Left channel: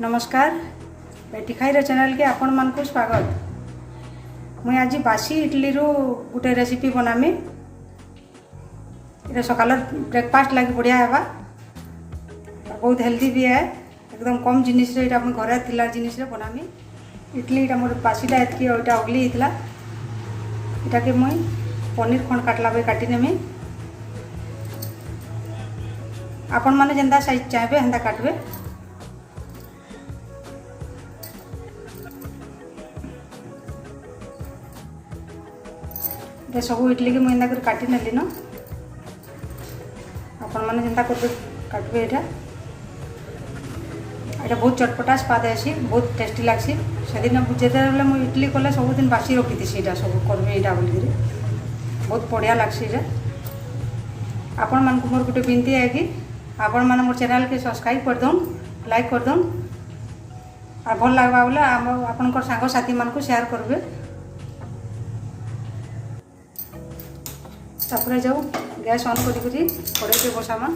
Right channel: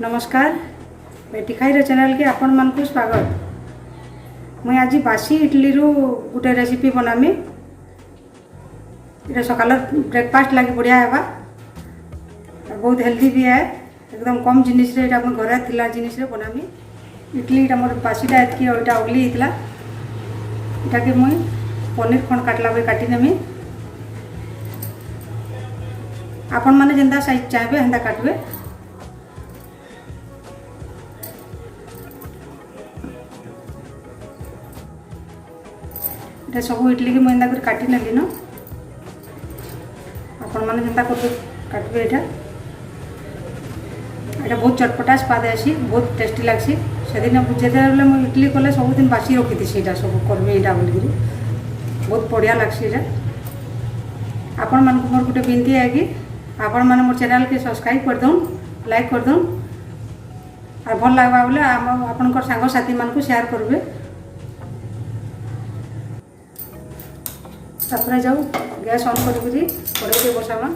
नमस्कार बेटी खाईर चैनल के आपण मन को स्वागत। मुझे आज बासी इडली रो गोटे रेसिपी बनामी। ये सकाल ब्रेकफास्ट लगे बढ़िया है, बहुत हेल्दी भी है, एकदम कम जिनिस रे घर थिला जिनिस रे बनामी। इडली मोर बासीटा एतकी अगली होता इटा के मुई पनीर खंड काटला बे काटी नेमी। आपण माने जेंदा साइज चाहबे हेंदा काटबे। सब इडली की मुझे कर काटी नेली न आपण मैंने जेंता कर काटबे। यहाँ बहुत चटपटा स्वाद आसी, बहुत टेस्टी लगसी। से दिन बुझे मुझे इडली कले सब दिन बासी रखी से सब करबे यहाँ बोल बहुत बढ़िया लगसी। आपण मान मोर गोटे विनती है कि आपण मैंने मोर चैनल के सब्सक्राइब कर दौन, लाइक कर दौन और भल लगवा बोले आपण सांग साथी मान को शेयर करेंगे। तापर जाऊ गैस ऑन करी कड़े बसामा।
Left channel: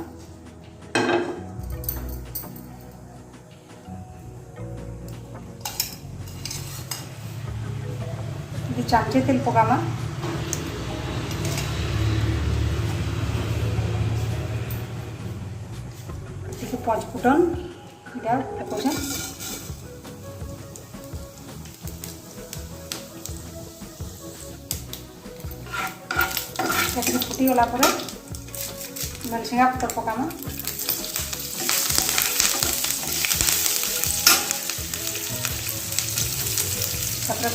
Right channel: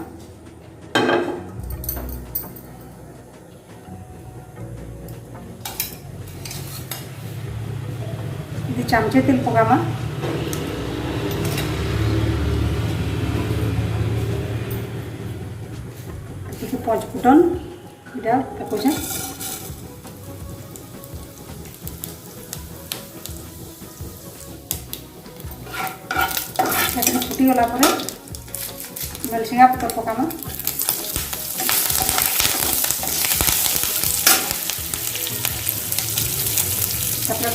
चामचे तेल पकामा। पचफुटन इटा पकाउछे। फुटी गला मेलसिंगा पतर पकामा।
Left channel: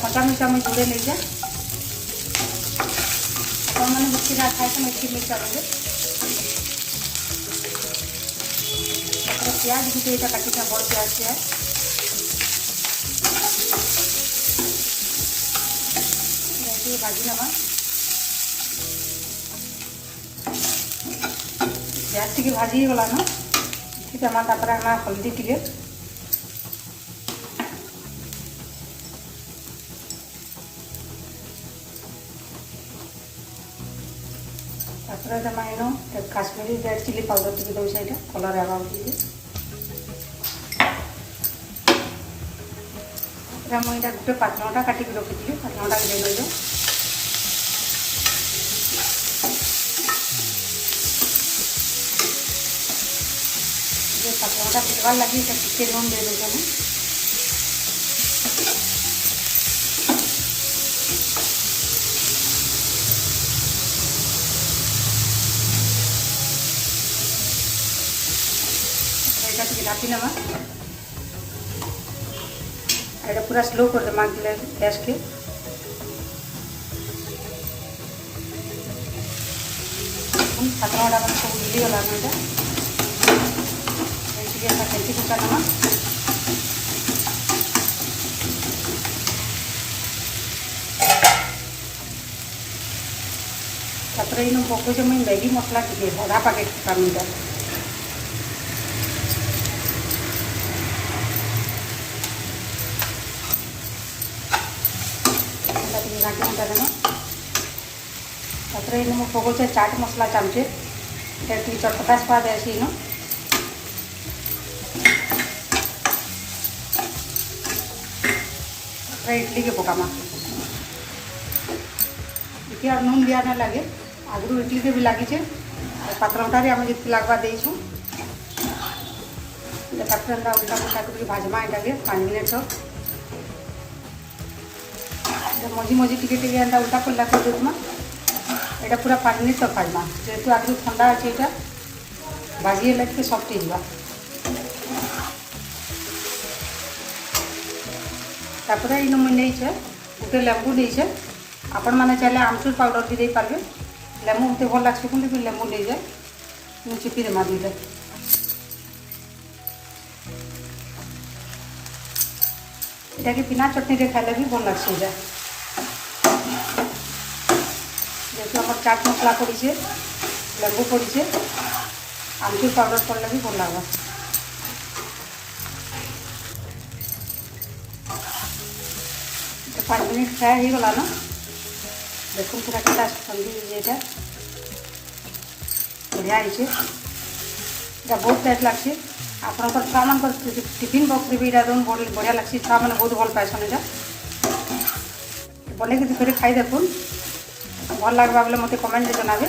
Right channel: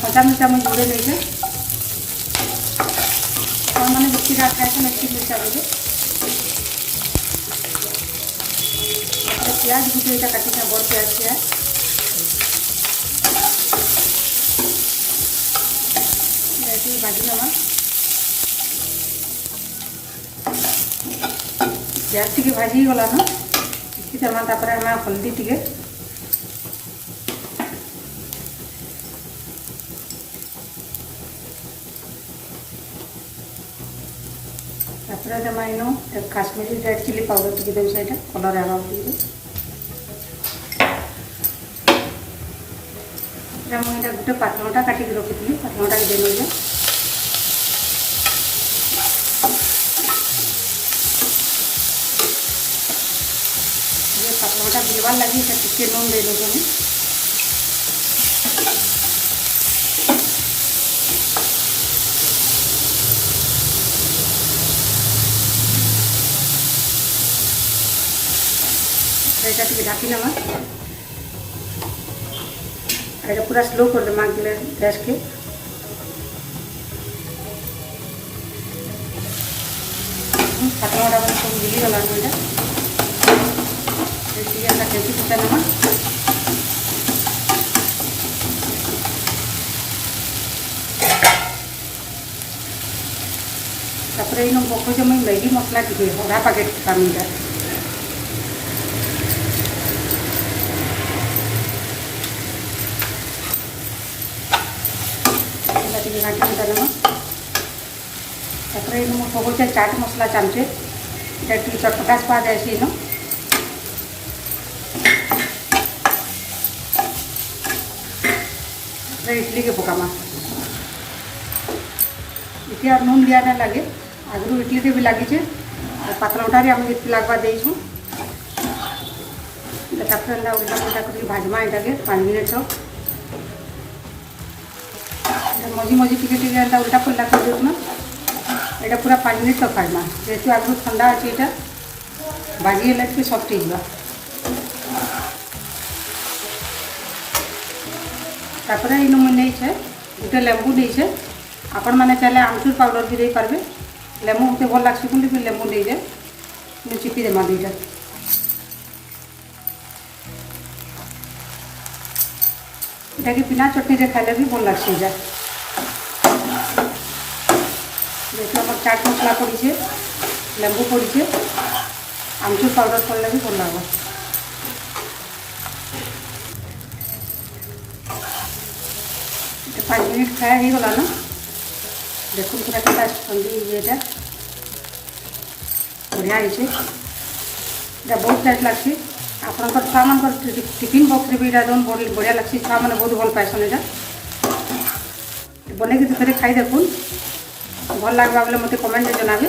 कंचा मिर्चा मुझे जोड़े लीजिए। मैंने मिर्ची खाए तो मिर्ची मिर्चा लगे प्याज भी दुईटा काटी बड़ प्याज प्याज भाजी नवा। प्याज टी भाजी गला न हल्दी टी काश्मीरी रेड चिली पाउडर टी देवी से कलर आवा मुझे गोटे पातलटा काटिक रखी पातलटा दे दे। पातलटा देवार लगे टे लून दे दूँ। ढापी नवा पूरा स्लो कर दे गैस के। पतला सब मिली गला कैसे पचा नवा। पकड़ मुझे मैगी मसला टी आधा पैकेट पामीटा पकड़ चाट मसला चामचे टी चटपटा स्वाद आसी न। इडली के पकामा इतनी और नून दिया ना लगे आगरू इडली के भी लगी पातलटा आम जी लगवा देसु। भाजमा यहाँ के 5 मिनट मझी मझी टी उल्टा पल्ला कर देना। यहाँ पूरा 5 मिनट तक काटना जेहतु आगु ठंडा अच्छे यहाँ भाजी है सफ्ट हो। तापर इन मुझे गोटे लेंबू देचे आपण मैंने चाहे आमचूर पाउडर भी दे पारे। लेंबू मत भल लगे बोली लेंबू देजे चिपी देमा दुईटा। यहाँ कि बिना चटनी खाइले भी भल लगे। देखो हमारे चाट मसला पड़े लेंबू पड़े आमचूर पाउडर पड़े भी भल लगे। पाँच मिनट फ्राए हो गला ना देखो पूरा बढ़िया बढ़िया बहुत टेस्ट लगे। ଆପଣଙ୍କର ଛୁଆମାନଙ୍କର ଟିଫିନ୍ ବକ୍ସରେ ବି ଏଇଟା ଦେଉନ୍ ବଢ଼ିଆ ଲାଗ୍ସି। ଛୁଆମାନେ ବହୁତ ଭଲ ପାଇସନ୍ ଏଇଟା। ବନେଇକି ଥରେ ଖାଇ ଦେଖୁନ୍, ଭଲ ଲାଗ୍ବା ବେଲେ ମୋତେ କମେଣ୍ଟରେ ଜଣାବେ।